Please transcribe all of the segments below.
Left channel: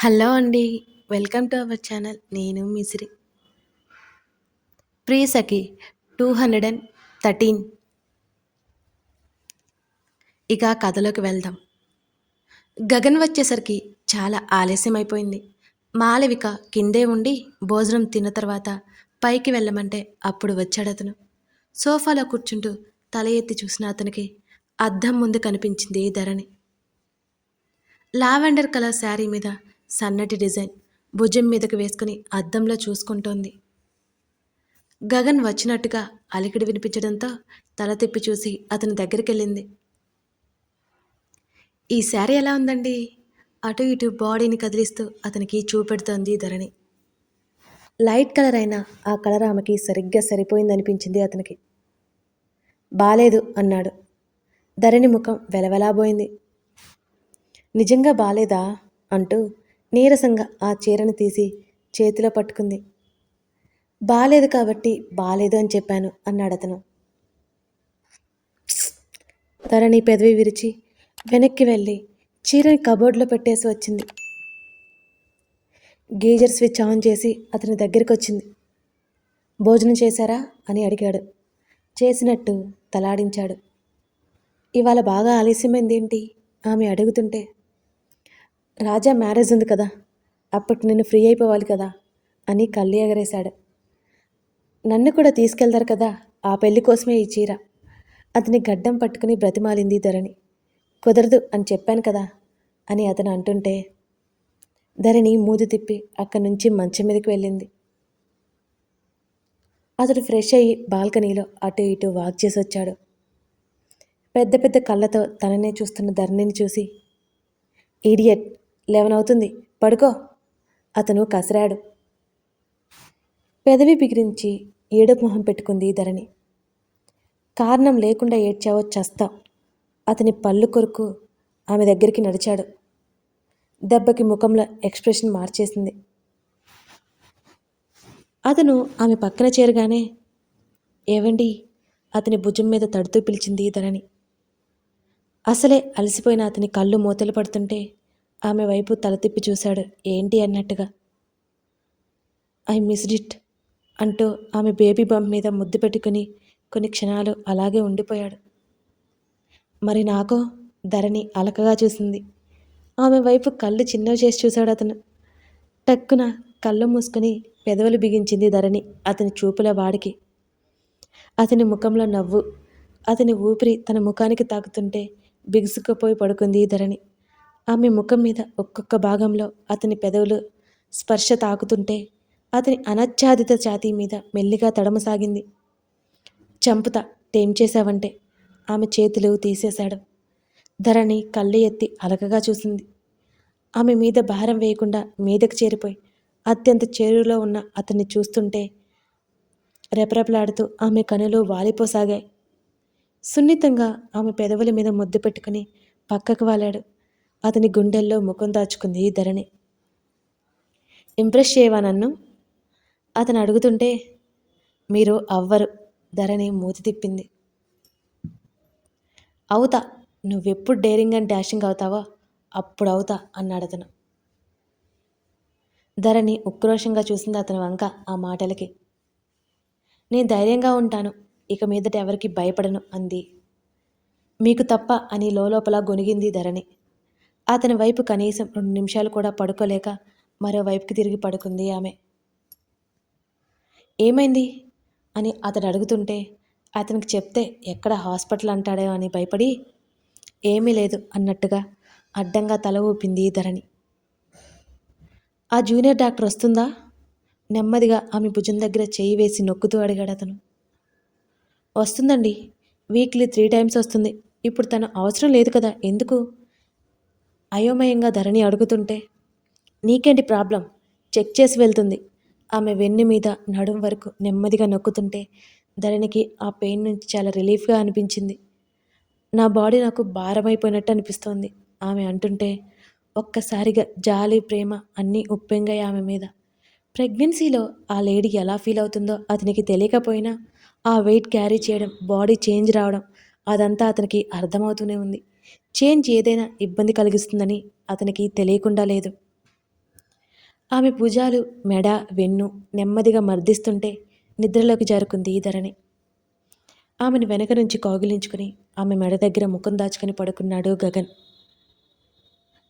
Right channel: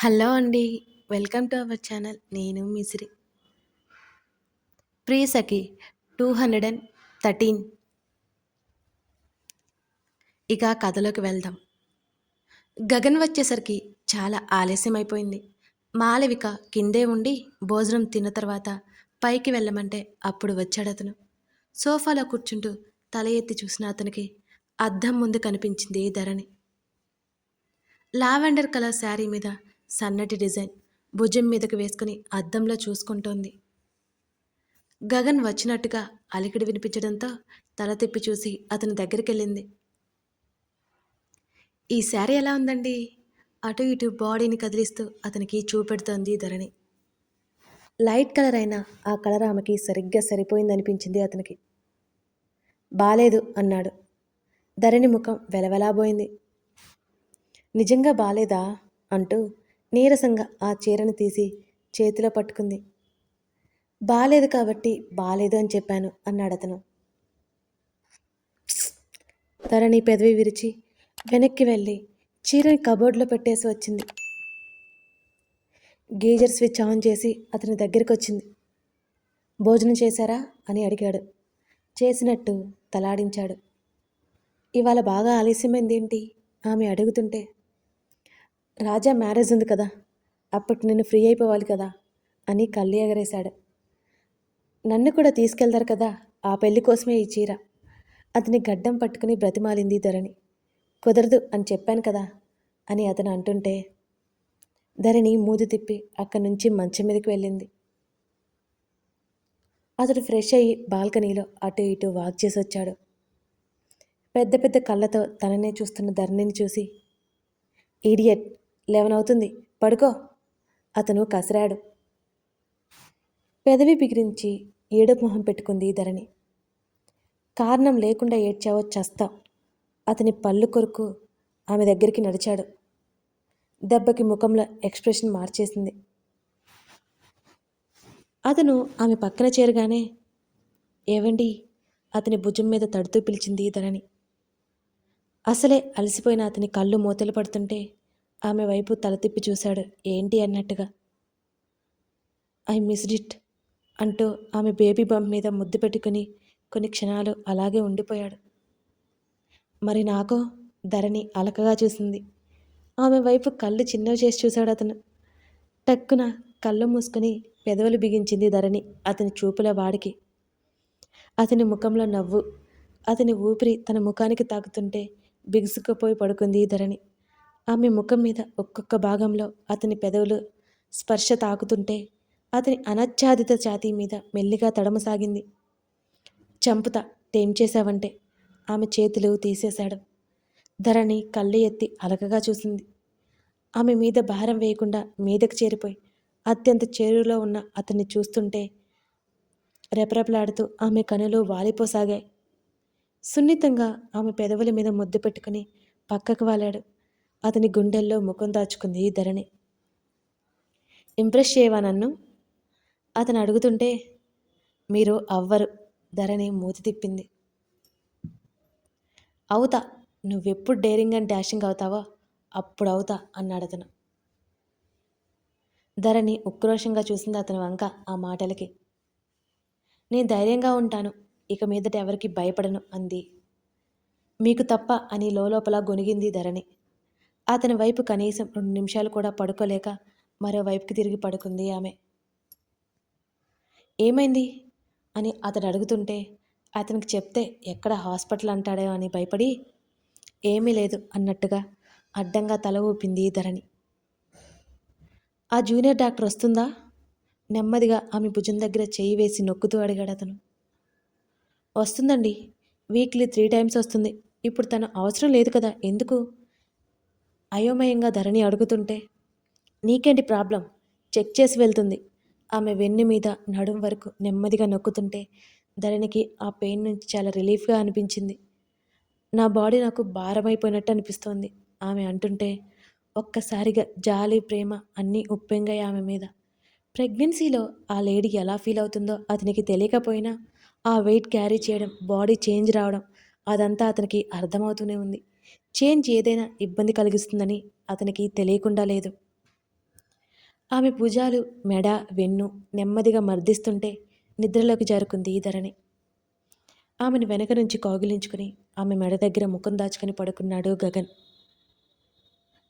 Hello అండి welcome to our channel. నేను మిశ్రి ప్రీ సఖి టూ హండ్రెడ్ అండ్ థర్టీన్ ఇక కథలోకి వెళ్దాం. గగన్ వచ్చేసరికి చాలా ఆలస్యం అయిపోయింది మాలవిక కిందే ఉండి భోజనం తిన్న తర్వాత పైకి వెళ్ళమంటే అప్పుడు వచ్చాడు అతను. సోఫాలో కూర్చుంటూ తల ఎత్తి చూసిన అతనికి అద్దం ముందు కనిపించింది ధరణి. లావెండర్ కలర్ శారీ మీద సన్నటి డిజైన్ భుజం మీదకు వేసుకుని అద్దంలో చూసుకుంటోంది. గగన్ వచ్చినట్టుగా అలికిడి వినిపించడంతో తల తిప్పి చూసి అతని దగ్గరికి వెళ్ళింది ఈ శారీ ఎలా ఉందండి? అటు ఇటు బాడీని కదిలిస్తూ అతనికి చూపెడుతోంది ధరణి. లైట్ కలర్ అయినా ఆ కలర్ ఆమెకి సరిగ్గా సరిపోయిందనిపించింది అతనికి. బాలేదు అన్నాడు. ధరణి ముఖం వెలవెలాబోయింది. నిజంగా బాలేదా? అంటూ నీరసంగా ఆ చీరను తీసి చేతిలో పట్టుకుంది. బాలేదు కాబట్టి బాలేదు అని చెప్పాను అన్నాడు అతను. ధరణి పెదవి విరిచి వెనక్కి వెళ్ళి చీరని కబోర్డ్లో పెట్టేసి వచ్చింది. గీజర్ స్విచ్ ఆన్ చేసి అతని దగ్గరికి వచ్చింది. భోజనం చేశారా అని అడిగాడు. చేసినట్టు తలాడించాడు. ఇవాళ బాగా ఆలస్యమైంది ఏంటి ఆమె అడుగుతుంటే రాజా మ్యారేజ్ ఉంది కదా అప్పటి నేను ఫ్రీ అయిపోవాలి కదా అని కళ్ళు ఎగరేశాడు. నన్ను కూడా తీసుకెళ్తారు కదా ఆ పెళ్ళి కోసమే ఈ చీర. అతని గడ్డం పట్టుకుని బ్రతిమాలింది ధరణి. కుదరదు అని చెప్పాను కదా అని అతను అంటుంటే ధరణి మూదు తిప్పి అక్కడి నుంచి మంచం మీదకి వెళ్ళింది. అతడు ఫ్రెష్ అయ్యి బాల్కనీలో అటు ఇటు వాక్ చేసి వచ్చాడు. పెద్ద పెద్ద కళ్ళతో తననే చూస్తున్న ధరణిని చూసి ఈడియట్ లెవెన్ అవుతుంది పడుకో. అతను కసరాడు. పెదవి బిగిరించి ఏడుపు మొహం పెట్టుకుంది ధరణి. కారణం లేకుండా ఏడ్చావో చస్తా. అతని పళ్ళు కొరకు ఆమె దగ్గరికి నడిచాడు. దెబ్బకి ముఖంలో ఎక్స్ప్రెషన్ మార్చేసింది. అతను ఆమె పక్కన చేరగానే ఏవండి? అతని భుజం మీద తడుతూ పిలిచింది ధరణి. అసలే అలసిపోయిన అతని కళ్ళు మూతలు పడుతుంటే ఆమె వైపు తల తిప్పి చూశాడు. ఏంటి అన్నట్టుగా? ఐ మిస్డ్ ఇట్ అంటూ ఆమె బేబీ బంప్ మీద ముద్దు పెట్టుకుని కొన్ని క్షణాలు అలాగే ఉండిపోయాడు. మరి నాకో ధరణి అలకగా చూసింది. ఆమె వైపు కళ్ళు చిన్నవి చేసి చూశాడు అతను. టక్కున కళ్ళు మూసుకొని పెదవులు బిగించింది ధరణి అతని చూపుల వాడికి. అతని ముఖంలో నవ్వు అతని ఊపిరి తన ముఖానికి తాకుతుంటే బిగుసుకుపోయి పడుకుంది ధరణి. ఆమె ముఖం మీద ఒక్కొక్క భాగంలో అతని పెదవులు స్పర్శ తాకుతుంటే అతని అనచ్ఛాదిత ఛాతీ మీద మెల్లిగా తడమసాగింది. చంపుతా టేం చేశావంటే? ఆమె చేతులు తీసేశాడు. ధరణి కళ్ళు ఎత్తి అలకగా చూసింది. ఆమె మీద భారం వేయకుండా మీదకు చేరిపోయి అత్యంత చేరులో ఉన్న అతన్ని చూస్తుంటే రెపరెపలాడుతూ ఆమె కనులు వాలిపోసాగాయి. సున్నితంగా ఆమె పెదవుల మీద ముద్దు పెట్టుకుని పక్కకు వాలాడు. అతని గుండెల్లో ముఖం దాచుకుంది ధరణి. ఇంప్రెస్ చేయవా నన్ను? అతను అడుగుతుంటే మీరు అవ్వరు ధరణి మూతి తిప్పింది. అవుతా నువ్వెప్పుడు డేరింగ్ అండ్ డాషింగ్ అవుతావో అప్పుడు అవుతా అన్నాడు అతను. ధరణి ఉక్రోషంగా చూసింది అతని వంక ఆ మాటలకి. నేను ధైర్యంగా ఉంటాను ఇక మీదట ఎవరికి భయపడను అంది. మీకు తప్ప అని లోపల గొనిగింది ధరణి. అతని వైపు కనీసం రెండు నిమిషాలు కూడా పడుకోలేక మరోవైపుకి తిరిగి పడుకుంది ఆమె. ఏమైంది? అని అతడు అడుగుతుంటే అతనికి చెప్తే ఎక్కడ హాస్పిటల్ అంటాడో అని భయపడి ఏమీ లేదు అన్నట్టుగా అడ్డంగా తల ఊపింది ధరణి. ఆ జూనియర్ డాక్టర్ వస్తుందా? నెమ్మదిగా ఆమె భుజం దగ్గర చేయి వేసి నొక్కుతూ అడిగాడు అతను. వస్తుందండి. వీక్లీ త్రీ టైమ్స్ వస్తుంది. ఇప్పుడు తను అవసరం లేదు కదా. ఎందుకు? అయోమయంగా ధరణి అడుగుతుంటే నీకేంటి ప్రాబ్లం? చెక్ చేసి వెళ్తుంది. ఆమె వెన్ను మీద నడుం వరకు నెమ్మదిగా నొక్కుతుంటే ధరణికి ఆ పెయిన్ నుంచి చాలా రిలీఫ్గా అనిపించింది. నా బాడీ నాకు భారమైపోయినట్టు అనిపిస్తోంది ఆమె అంటుంటే ఒక్కసారిగా జాలి ప్రేమ అన్నీ ఉప్పెంగాయి ఆమె మీద. ప్రెగ్నెన్సీలో ఆ లేడీ ఎలా ఫీల్ అవుతుందో అతనికి తెలియకపోయినా ఆ వెయిట్ క్యారీ చేయడం బాడీ చేంజ్ రావడం అదంతా అతనికి అర్థమవుతూనే ఉంది. చేంజ్ ఏదైనా ఇబ్బంది కలిగిస్తుందని అతనికి తెలియకుండా లేదు. ఆమె భుజాలు మెడ వెన్ను నెమ్మదిగా మర్దిస్తుంటే నిద్రలోకి జారుకుంది ధరణి. ఆమెను వెనక నుంచి కౌగిలించుకుని ఆమె మెడ దగ్గర ముఖం దాచుకుని పడుకున్నాడు గగన్.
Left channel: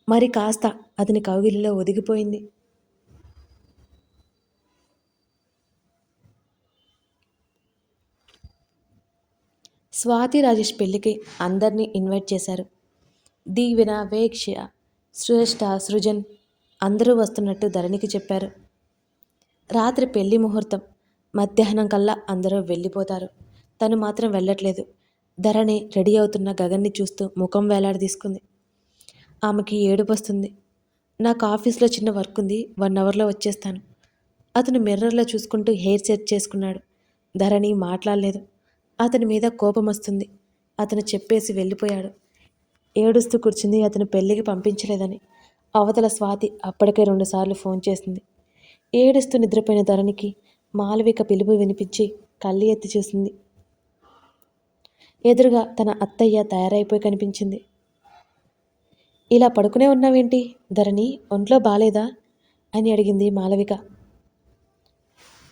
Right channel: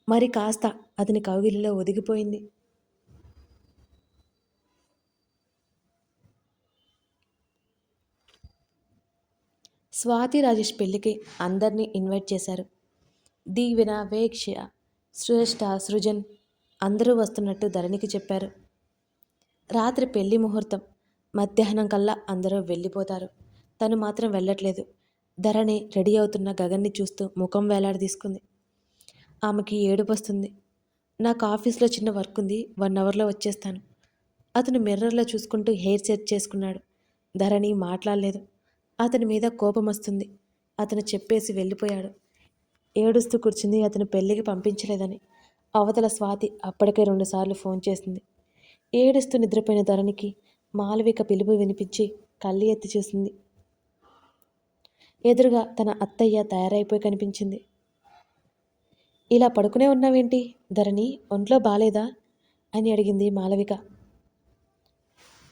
మరి కాస్త అతని కౌగిలిలో ఒదిగిపోయింది. స్వాతి రాజేష్ పెళ్ళికి అందరినీ ఇన్వైట్ చేశారు. దీవెన వేక్ష సృష్ట సృజన్ అందరూ వస్తున్నట్టు ధరణికి చెప్పారు. రాత్రి పెళ్ళి ముహూర్తం. మధ్యాహ్నం కల్లా అందరూ వెళ్ళిపోతారు. తను మాత్రం వెళ్ళట్లేదు. ధరణి రెడీ అవుతున్న గగన్ని చూస్తూ ముఖం వేలాడదీసుకుంది. ఆమెకి ఏడుపు వస్తుంది. నాకు ఆఫీస్లో చిన్న వర్క్ ఉంది. వన్ అవర్లో వచ్చేస్తాను. అతను మిర్రర్లో చూసుకుంటూ హెయిర్ సెట్ చేసుకున్నాడు. ధరణి మాట్లాడలేదు. అతని మీద కోపం వస్తుంది. అతను చెప్పేసి వెళ్ళిపోయాడు. ఏడుస్తూ కూర్చుంది. అతను పెళ్ళికి పంపించలేదని. అవతల స్వాతి అప్పటికే రెండుసార్లు ఫోన్ చేసింది. ఏడుస్తూ నిద్రపోయిన ధరణికి మాలవిక పిలుపు వినిపించి కళ్ళు ఎత్తి చూసింది. ఎదురుగా తన అత్తయ్య తయారైపోయి కనిపించింది. ఇలా పడుకునే ఉన్నావేంటి? ధరణి ఒంట్లో బాలేదా? అని అడిగింది మాలవిక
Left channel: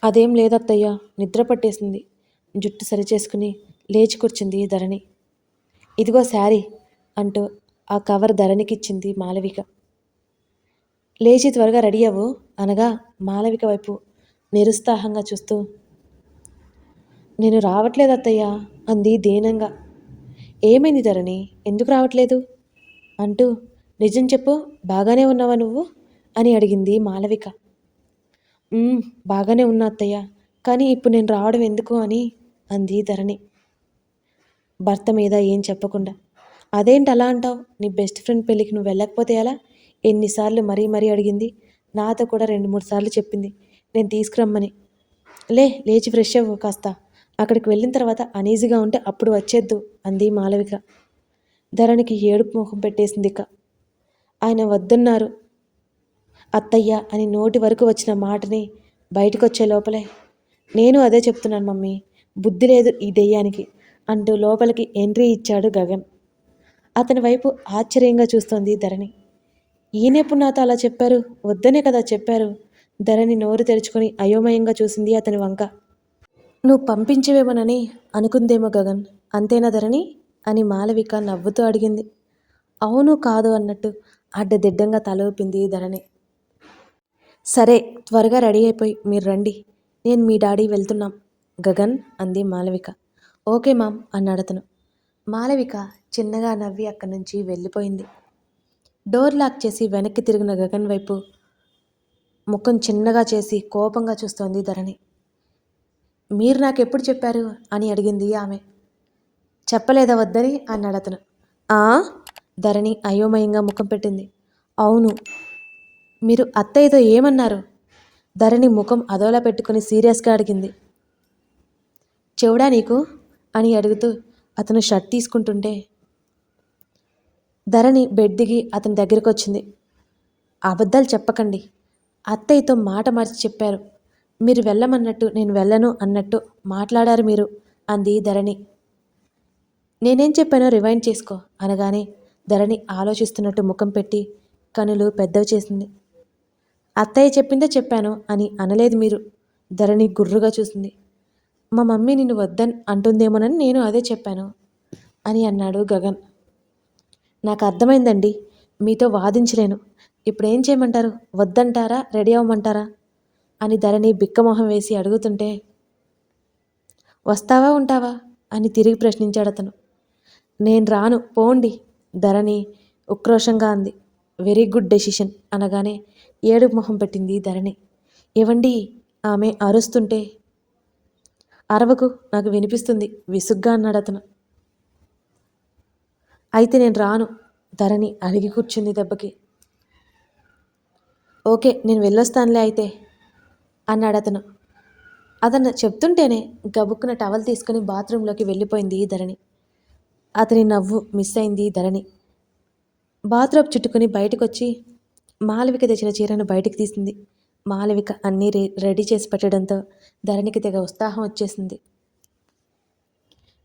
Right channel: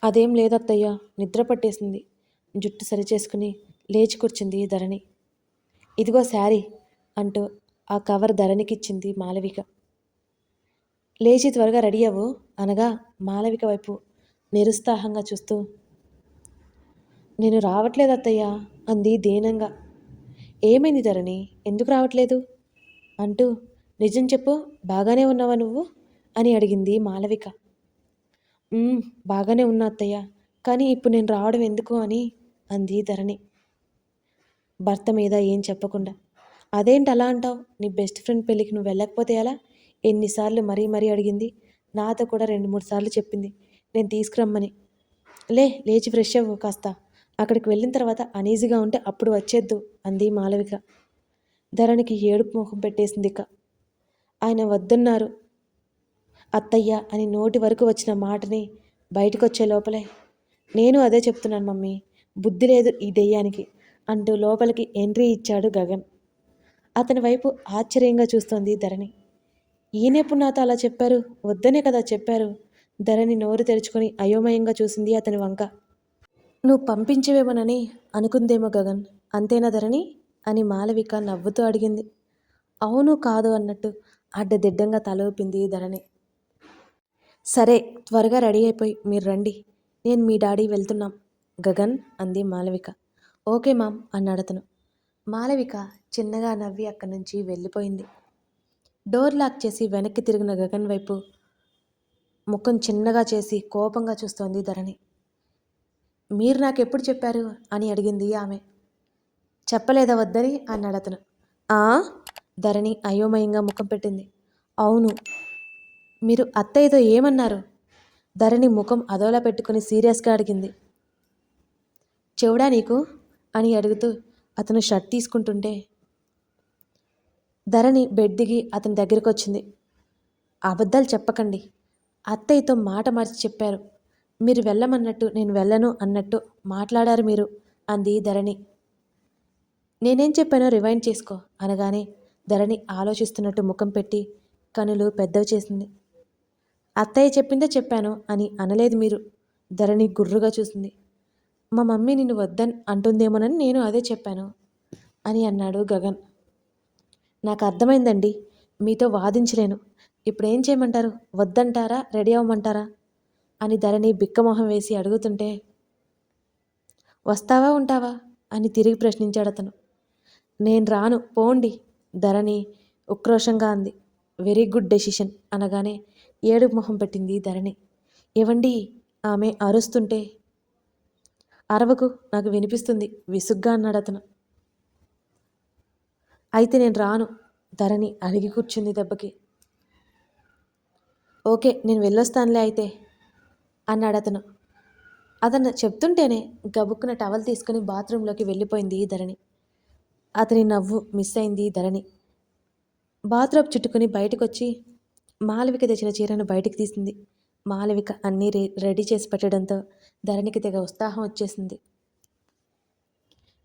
అదేం లేదత్తయ్య నిద్ర పట్టేసింది. జుట్టు సరిచేసుకుని లేచి కూర్చుంది ధరణి. ఇదిగో శారీ అంటూ ఆ కవర్ ధరణికిచ్చింది మాలవిక. లేచి త్వరగా రెడీ అవ్వు అనగా మాలవిక వైపు నిరుత్సాహంగా చూస్తూ నేను రావట్లేదు అత్తయ్య అంది దీనంగా. ఏమైంది ధరణి? ఎందుకు రావట్లేదు? అంటూ నిజం చెప్పు బాగానే ఉన్నావా నువ్వు? అని అడిగింది మాలవిక. బాగానే ఉన్నా అత్తయ్య కానీ ఇప్పుడు నేను రావడం ఎందుకు అని అంది ధరణి. భర్త మీద ఏం చెప్పకుండా. అదేంటి అలా అంటావు? నీ బెస్ట్ ఫ్రెండ్ పెళ్ళికి నువ్వు వెళ్ళకపోతే ఎలా? ఎన్నిసార్లు మరీ మరీ అడిగింది. నాతో కూడా రెండు మూడు సార్లు చెప్పింది. నేను తీసుకురమ్మని. లే లేచి ఫ్రెష్ అవ్వు కాస్త. అక్కడికి వెళ్ళిన తర్వాత అనీజీగా ఉంటే అప్పుడు వచ్చేద్దు అంది మాలవిక. ధరణికి ఏడుపు ముఖం పెట్టేసింది ఇక. ఆయన వద్దన్నారు. అత్తయ్య అని నోటి వరకు వచ్చిన మాటని బయటకు వచ్చే లోపలే. నేను అదే చెప్తున్నాను మమ్మీ. బుద్ధి లేదు ఈ దెయ్యానికి అంటూ లోపలికి ఎంట్రీ ఇచ్చాడు గగన్. అతని వైపు ఆశ్చర్యంగా చూస్తోంది ధరణి. ఈయనెప్పుడు నాతో అలా చెప్పారు. వద్దనే కదా చెప్పారు. ధరణి నోరు తెరుచుకొని అయోమయంగా చూసింది అతని వంక. నువ్వు పంపించేవేమోనని అనుకుందేమో గగన్. అంతేనా ధరణి? అని మాలవిక నవ్వుతూ అడిగింది. అవును కాదు అన్నట్టు అడ్డదిడ్డంగా తల ఊపింది ధరణి. సరే త్వరగా రెడీ అయిపోయి మీరు రండి. నేను మీ డాడీ వెళ్తున్నాం. గగన్ అంది మాలవిక. ఓకే మామ్ అన్నాడు అతను. మాలవిక చిన్నగా నవ్వి అక్కడి నుంచి వెళ్ళిపోయింది. డోర్ లాక్ చేసి వెనక్కి తిరిగిన గగన్ వైపు ముఖం చిన్నగా చేసి కోపంగా చూస్తోంది ధరణి. మీరు నాకు ఎప్పుడు చెప్పారు? అని అడిగింది ఆమె. చెప్పలేదా వద్దని? అన్నాడు అతను. ఆ? ధరణి అయోమయంగా ముఖం పెట్టింది. అవును. మీరు అత్తయ్యతో ఏమన్నారు? ధరణి ముఖం అదోలా పెట్టుకుని సీరియస్గా అడిగింది. చెవుడా నీకు? అని అడుగుతూ అతను షర్ట్ తీసుకుంటుంటే ధరణి బెడ్ దిగి అతని దగ్గరికి వచ్చింది అబద్ధాలు చెప్పకండి. అత్తయ్యతో మాట మార్చి చెప్పారు. మీరు వెళ్ళమన్నట్టు నేను వెళ్ళను అన్నట్టు మాట్లాడారు మీరు అంది ధరణి. నేనేం చెప్పానో రివైండ్ చేసుకో అనగానే ధరణి ఆలోచిస్తున్నట్టు ముఖం పెట్టి కనులు పెద్దవి చేసింది. అత్తయ్య చెప్పిందే చెప్పాను అని అనలేదు మీరు ధరణి గుర్రుగా చూసింది. మా మమ్మీ నిన్ను వద్దని అంటుందేమోనని నేను అదే చెప్పాను అని అన్నాడు గగన్. నాకు అర్థమైందండి. మీతో వాదించలేను. ఇప్పుడు ఏం చేయమంటారు? వద్దంటారా? రెడీ అవ్వమంటారా? అని ధరణి బిక్కమొహం వేసి అడుగుతుంటే వస్తావా ఉంటావా? అని తిరిగి ప్రశ్నించాడు అతను. నేను రాను. పోండి. ధరణి ఉక్రోషంగా అంది. వెరీ గుడ్ డెసిషన్ అనగానే ఏడుపు మొహం పెట్టింది ధరణి. ఏవండి? ఆమె అరుస్తుంటే అరవకు నాకు వినిపిస్తుంది. విసుగ్గా అన్నాడు అతను. అయితే నేను రాను. ధరణి అడిగి కూర్చుంది దెబ్బకి. ఓకే నేను వెళ్ళొస్తానులే అయితే అన్నాడు అతను. అతను చెప్తుంటేనే గబుక్కున టవల్ తీసుకుని బాత్రూంలోకి వెళ్ళిపోయింది ధరణి. అతని నవ్వు మిస్ అయింది ధరణి. బాత్రూమ్ చుట్టుకుని బయటకు వచ్చి మాలవిక తెచ్చిన చీరను బయటికి తీసింది. మాలవిక అన్నీ రె రెడీ చేసి పెట్టడంతో ధరణికి తెగ ఉత్సాహం వచ్చేసింది.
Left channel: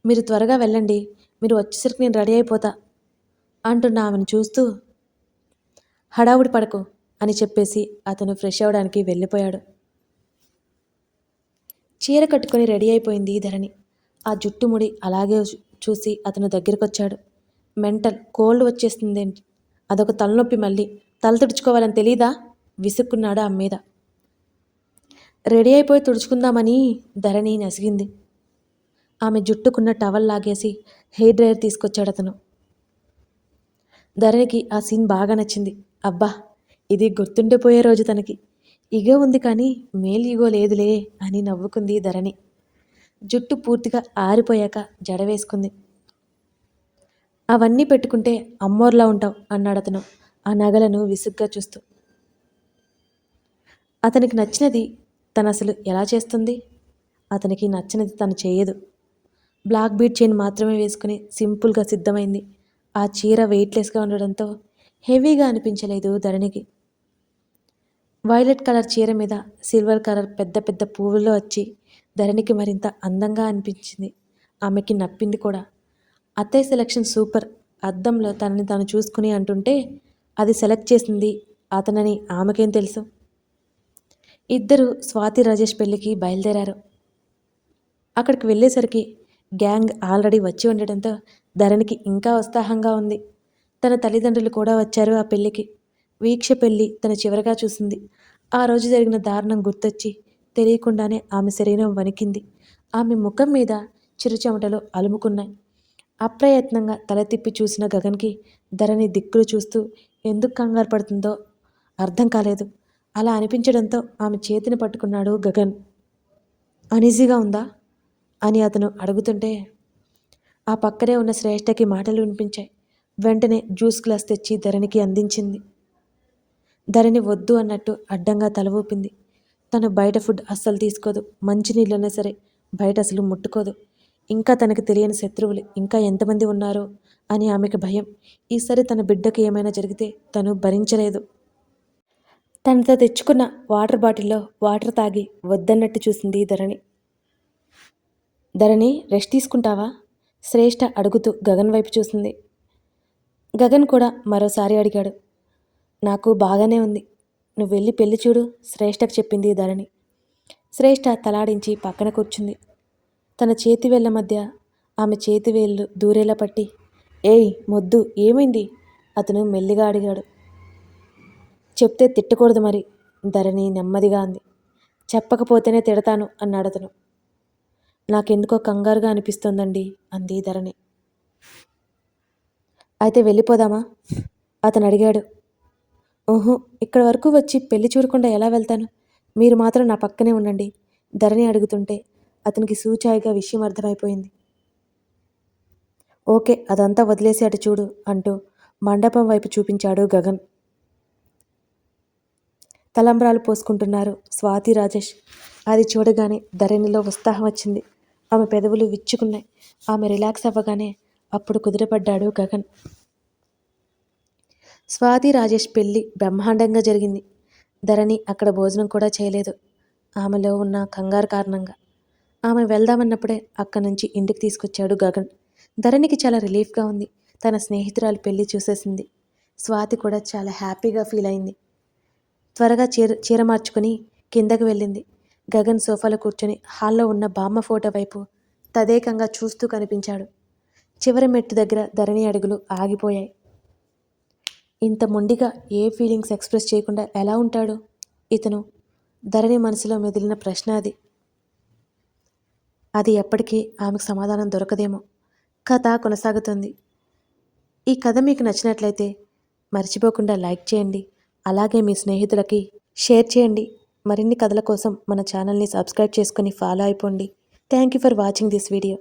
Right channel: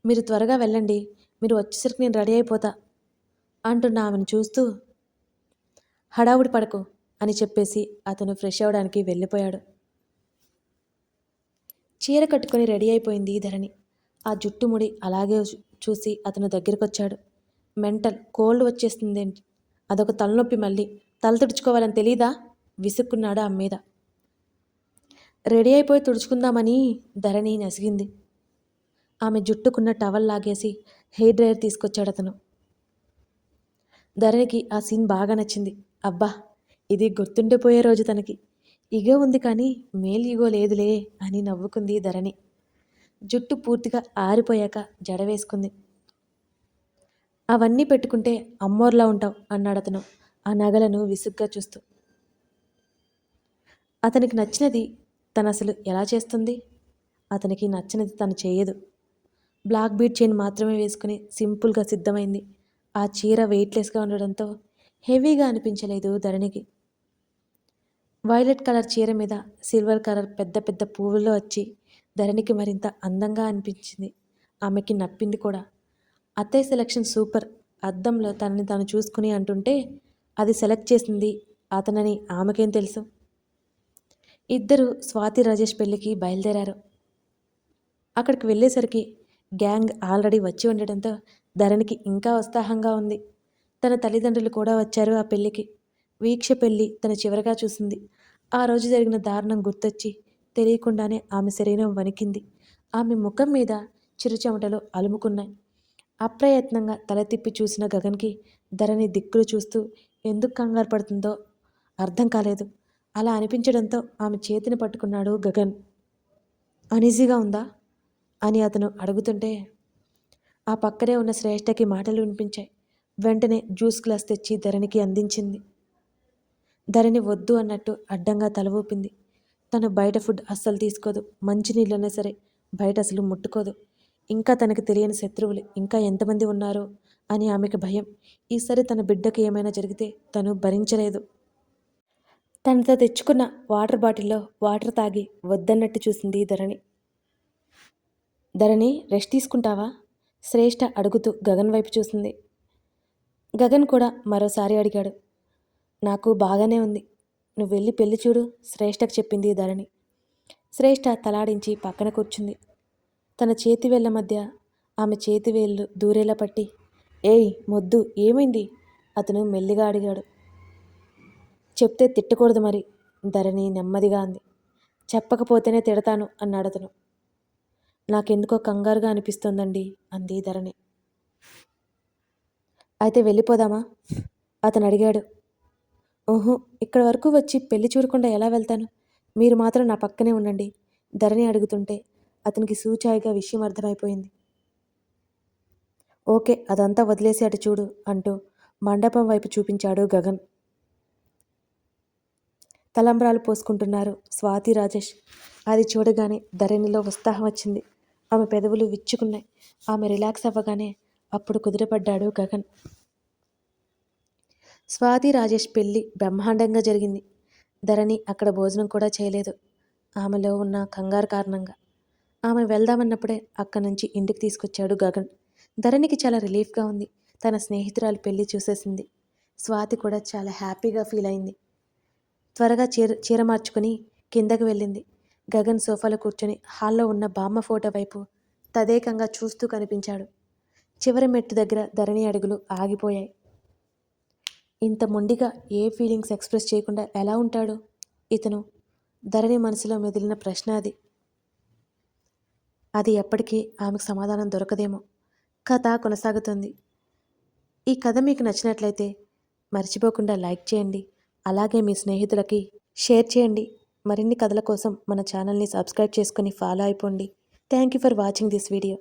మీరు త్వరగా వెళ్ళండి మీరు వచ్చేసరికి నేను రెడీ అయిపోతా అంటున్న ఆమెను చూస్తూ హడావుడి పడకు అని చెప్పేసి అతను ఫ్రెష్ అవ్వడానికి వెళ్ళిపోయాడు. చీర కట్టుకొని రెడీ అయిపోయింది ధరణి. ఆ జుట్టు ముడి అలాగే చూసి అతను దగ్గరకొచ్చాడు. మెంటల్ కోల్డ్ వచ్చేస్తుందేంటి అదొక తలనొప్పి మళ్ళీ. తల తుడుచుకోవాలని తెలీదా? విసుక్కున్నాడు ఆమె మీద. రెడీ అయిపోయి తుడుచుకుందామని ధరణి నసిగింది. ఆమె జుట్టుకున్న టవల్ లాగేసి హెయిర్ డ్రైయర్ తీసుకొచ్చాడు అతను. ధరణికి ఆ సీన్ బాగా నచ్చింది. అబ్బా ఇది గుర్తుండిపోయే రోజు తనకి. ఇగో ఉంది కానీ మేల్ ఇగో లేదులే అని నవ్వుకుంది ధరణి. జుట్టు పూర్తిగా ఆరిపోయాక జడ వేసుకుంది. అవన్నీ పెట్టుకుంటే అమ్మోర్లా ఉంటావు అన్నాడు అతను ఆ నగలను విసుగ్గా చూస్తూ. అతనికి నచ్చినది తను అసలు ఎలా చేస్తుంది? అతనికి నచ్చినది తను చేయదు. బ్లాక్ బీట్ చైన్ మాత్రమే వేసుకుని సింపుల్గా సిద్ధమైంది. ఆ చీర వెయిట్లెస్గా ఉండడంతో హెవీగా అనిపించలేదు ధరణికి. వైలెట్ కలర్ చీర మీద సిల్వర్ కలర్ పెద్ద పెద్ద పువ్వుల్లో వచ్చి ధరణికి మరింత అందంగా అనిపించింది. ఆమెకి నప్పింది కూడా. అత్తయ్య సెలక్షన్ సూపర్. అద్దంలో తనని తాను చూసుకుని అంటుంటే అది సెలెక్ట్ చేసింది అతనని ఆమెకేం తెలుసు? ఇద్దరు స్వాతి రాజేష్ పెళ్ళికి బయలుదేరారు. అక్కడికి వెళ్ళేసరికి గ్యాంగ్ ఆల్రెడీ వచ్చి ఉండడంతో ధరణికి ఇంకా ఉత్సాహంగా ఉంది. తన తల్లిదండ్రులు కూడా వచ్చారు ఆ పెళ్ళికి. వీక్ష పెళ్ళి తన చివరగా చూసింది. ఆ రోజు జరిగిన దారుణం గుర్తొచ్చి తెలియకుండానే ఆమె శరీరం వణికింది. ఆమె ముఖం మీద చిరుచెమటలు అలుముకున్నాయి. అప్రయత్నంగా తల తిప్పి చూసిన గగన్కి ధరణి దిక్కులు చూస్తూ ఎందుకు కంగారు పడుతుందో? అర్థం కాలేదు అలా అనిపించడంతో ఆమె చేతిని పట్టుకున్నాడు గగన్. అనీజీగా ఉందా? అని అతను అడుగుతుంటే ఆ పక్కనే ఉన్న శ్రేష్టకి మాటలు వినిపించాయి. వెంటనే జ్యూస్ గ్లాస్ తెచ్చి ధరణికి అందించింది. ధరణి వద్దు అన్నట్టు అడ్డంగా తల ఊపింది. తను బయట ఫుడ్ అస్సలు తీసుకోదు. మంచినీళ్ళైనా సరే బయట అసలు ముట్టుకోదు. ఇంకా తనకు తెలియని శత్రువులు ఇంకా ఎంతమంది ఉన్నారో అని ఆమెకు భయం. ఈసారి తన బిడ్డకి ఏమైనా జరిగితే తను భరించలేదు. తనతో తెచ్చుకున్న వాటర్ బాటిల్లో వాటర్ తాగి వద్దన్నట్టు చూసింది ధరణి. ధరణి రెస్ట్ తీసుకుంటావా? శ్రేష్ఠ అడుగుతూ గగన్ వైపు చూసింది. గగన్ కూడా మరోసారి అడిగాడు. నాకు బాగానే ఉంది. నువ్వు వెళ్ళి పెళ్ళి చూడు శ్రేష్ఠకు చెప్పింది ధరణి. శ్రేష్ఠ తలాడించి పక్కన కూర్చుంది. తన చేతి వేళ్ళ మధ్య ఆమె చేతి వేళ్ళు దూరేలా పట్టి ఏయ్ మొద్దు ఏమైంది? అతను మెల్లిగా అడిగాడు. చెప్తే తిట్టకూడదు మరి ధరణి నెమ్మదిగా అంది. చెప్పకపోతేనే తిడతాను అన్నాడు అతను. నాకెందుకో కంగారుగా అనిపిస్తోందండి అంది ధరణి. అయితే వెళ్ళిపోదామా? అతను అడిగాడు ఓహో ఇక్కడ వరకు వచ్చి పెళ్ళి చూడకుండా ఎలా వెళ్తాను? మీరు మాత్రం నా పక్కనే ఉండండి ధరణి అడుగుతుంటే అతనికి సూచాయిగా విషయం అర్థమైపోయింది. ఓకే అదంతా వదిలేసి అటు చూడు అంటూ మండపం వైపు చూపించాడు గగన్. తలంబ్రాలు పోసుకుంటున్నారు స్వాతి రాజేష్. అది చూడగానే ధరణిలో ఉత్సాహం వచ్చింది. ఆమె పెదవులు విచ్చుకున్నాయి. ఆమె రిలాక్స్ అవ్వగానే అప్పుడు కుదిరపడ్డాడు గగన్. స్వాతి రాజేష్ పెళ్ళి బ్రహ్మాండంగా జరిగింది. ధరణి అక్కడ భోజనం కూడా చేయలేదు. ఆమెలో ఉన్న కంగారు కారణంగా. ఆమె వెళ్దామన్నప్పుడే అక్కడి నుంచి ఇంటికి తీసుకొచ్చాడు గగన్. ధరణికి చాలా రిలీఫ్గా ఉంది. తన స్నేహితురాలు పెళ్ళి చూసేసింది. స్వాతి కూడా చాలా హ్యాపీగా ఫీల్ అయింది. త్వరగా చీర చీర మార్చుకుని కిందకు వెళ్ళింది. గగన్ సోఫాలో కూర్చొని హాల్లో ఉన్న బామ్మ ఫోటో వైపు తదేకంగా చూస్తూ కనిపించాడు. చివరి మెట్టు దగ్గర ధరణి అడుగులు ఆగిపోయాయి. ఇంత మొండిగా ఏ ఫీలింగ్స్ ఎక్స్ప్రెస్ చేయకుండా ఎలా ఉంటాడు ఇతను? ధరణి మనసులో మెదిలిన ప్రశ్న అది. అది ఎప్పటికీ ఆమెకు సమాధానం దొరకదేమో. కథ కొనసాగుతుంది. ఈ కథ మీకు నచ్చినట్లయితే మర్చిపోకుండా లైక్ చేయండి. అలాగే మీ స్నేహితులకి షేర్ చేయండి. మరిన్ని కథల కోసం మన ఛానల్ని సబ్స్క్రైబ్ చేసుకొని ఫాలో అయిపోండి. Thank you for watching this video.